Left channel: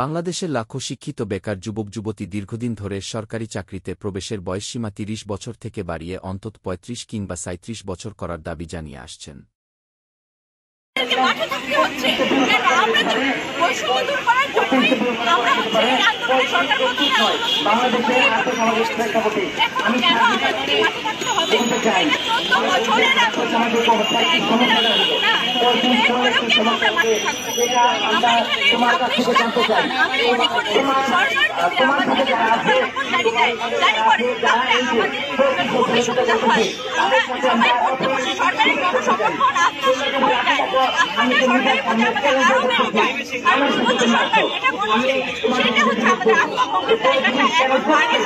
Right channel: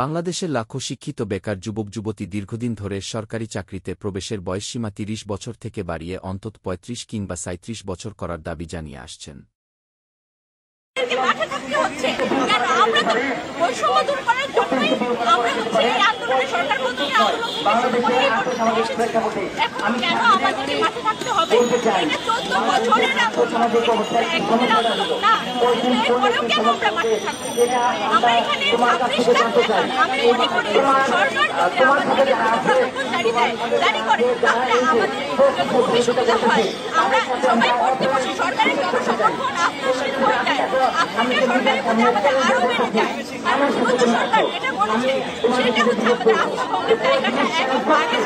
বাংলাদেশের লাখো শিক্ষিত বেকার যুবক-যুবতী দীর্ঘদিন ধরে সরকারি চাকরিতে প্রবেশের বয়সসীমা ৩০ বছর থেকে বাড়িয়ে অন্তত ৩৫ কিংবা ৩৭ বছর করার দাবি জানিয়ে আসছেন। মাঠে থাকতে হচ্ছে কেন? আমরা তো বৈষম্য দূর করার জন্যই আমরা এই আন্দোলনে সরকার প্রধানের আন্দোলন এখন কেন আমাদেরকে মাঠে থাকতে হবে? এটা ১৪ বছরের আন্দোলন, একদিনের আন্দোলন না। এরপরেও কেন আমরা মাঠে থাকবো? আমরা এখানে ২৬ লাখ বেকার। আমি মনে করি সরকার যদি আমাদেরকে প্রশাসন গাড়ি দেয়, গাড়ি করে, তাহলে আমাদের খুবই সুবিধা হয়। আমরা সবাই করতে বসে সরকারের জনসমর্থন আত্মশীল হয়ে যায়। আপনাদের সরকারের প্রতি আমাদের আরো বেড়ে যায়। কারণ বিগত সরকার যেটা বলেছে সেটা হচ্ছে আমাদের আত্মভঙ্গের জায়গাটা এখন বাড়িয়ে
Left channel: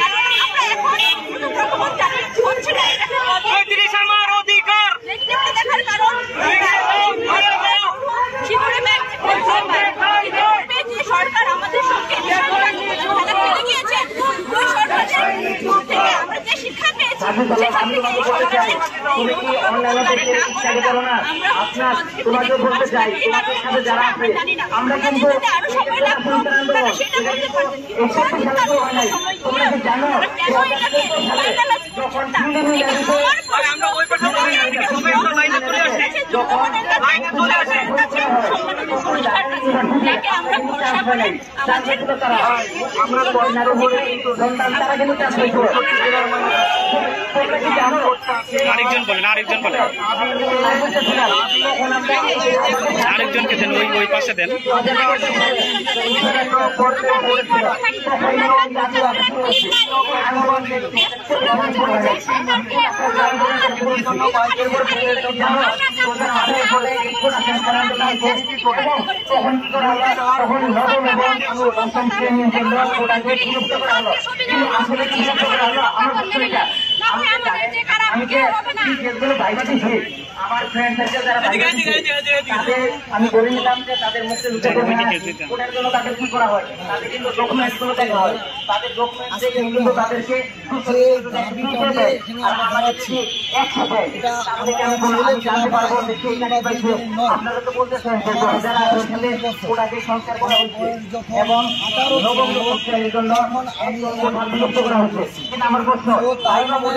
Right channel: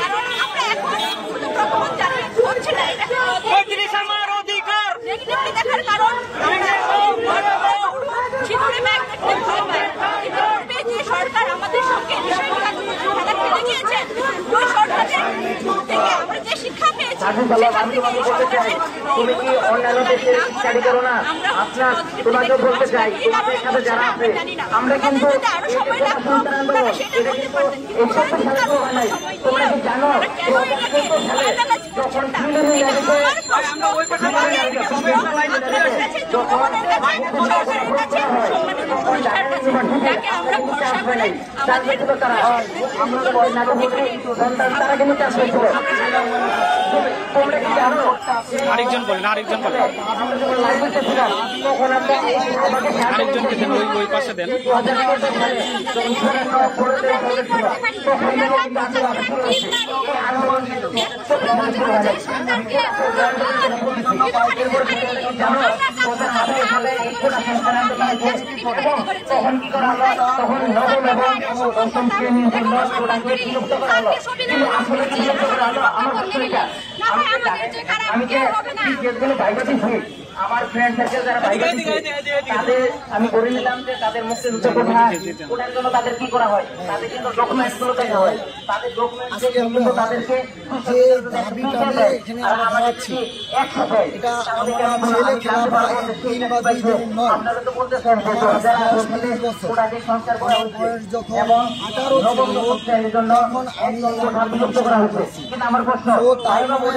কারণ আমরা এখন কোনো প্রকল্প হচ্ছে না। এটাকে নেগেটিভলি দেখার কারণ আমরা সিঁদুরে ব্যাগ দেখতে ভয় পাই। ইতিপূর্বে যে সরকার আমাদের সঙ্গে বিশাল খেলা খেলে গিয়েছে, ওই সরকারের থেকে আমরা যে শিক্ষা পেয়েছি সেখান থেকে এই সরকারের এই প্রকল্পকারী না করাটা আমরা পজিটিভলি দেখতে পাচ্ছি না। এই কারণে করছে না আমরা জানি না। ওনাদের যদি আরো সময় লাগতো তারা সেটা করতে পারতেন, কিন্তু সারাদিনকার সময় দিয়ে তারা কেন এটাকে ফাইনালাইজ করছেন না? এটা আমার প্রশ্ন। আপনাদের কাছে, জনগণের কাছে, সরকারের কাছে, সম্মানিত সরকার কাছে, যাকে আমরা ভরসা করে আমাদের আরেকজন বলেন, আরেকজনকে দেন, ওই পাশে দেন। আমি বলে নিলাম যে তাদের মুখে ওটার জন্য তাদের কি করা হয়, তাদের কিন্তু ডকুমেন্টস গুলো দেখা হয়, তাদের ডকুমেন্টস তাদেরকে যে দাবিটা নিয়ে এখানে আমরা দাঁড়াচ্ছি, এটা আমরা ছেলে খেলা বা কিংবা দুইজন নয়। যখন 18 ছিল তখন আমি তো তার মানে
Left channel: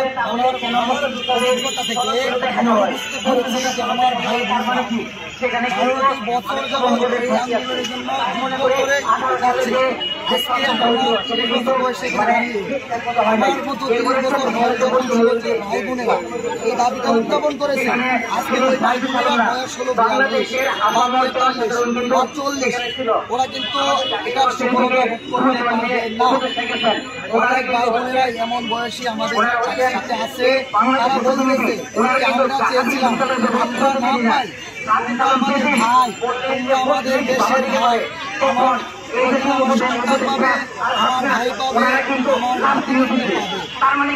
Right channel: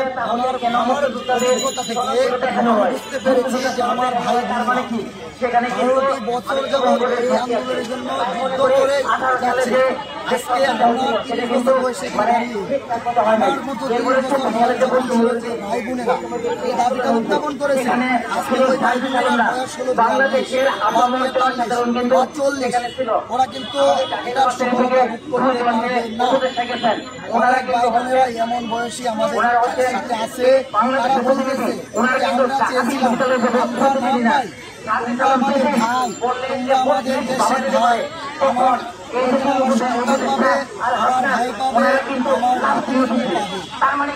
আমার অভিজ্ঞতা থেকে বুঝতে পেরেছি যে আমার ভাই বোনেরা 12টি বছর যাবৎ এই আন্দোলনের জন্য যুদ্ধ করে যাচ্ছে। আজকে আমরা 30 বছর বয়সে দাঁড়িয়ে আমার মতো 30 বছর বয়স যখন ছিল যে ভাই বোনেরা এই দাবিটা উত্থাপন করেছে, আজকে ওই ভাই বোনেরা বয়স হলো 42 বা 43 বা 40, ওরা কিন্তু এটার সফলতা ভোগ করতে পারবে না। অনেক ভাই বোনেরা এমন বয়সী আমাদের সাথে আছে, তারা বলতেছে যে আমরা চেয়েছিলাম আমরা না পাই, তোমরা আমাদের ভাই, তোমরা আমাদের দেশের ভাই, আমার সন্তান পাবে, আমার ভাই পাবে, আমার নাতি পাবে, মানে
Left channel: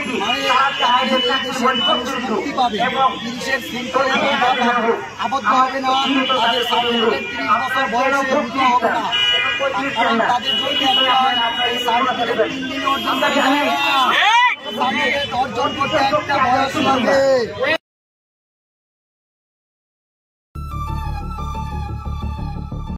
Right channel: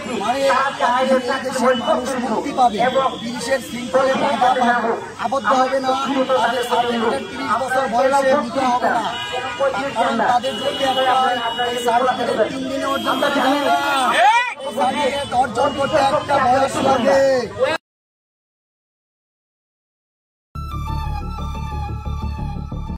আমাদের দেশের মানুষ মুক্তি পাবে, বিদেশের শৃঙ্খলে বাধা আবদ্ধ হবে না, তাদের সার্টিফিকেট 30 বছর বয়সে দিতে হবে না। কারণ তাদের জন্য এই সার্টিফিকেট 3 দিনে অর্জন করা যায় না, সার্টিফিকেট অর্জন করতে একটা বয়স লাগে।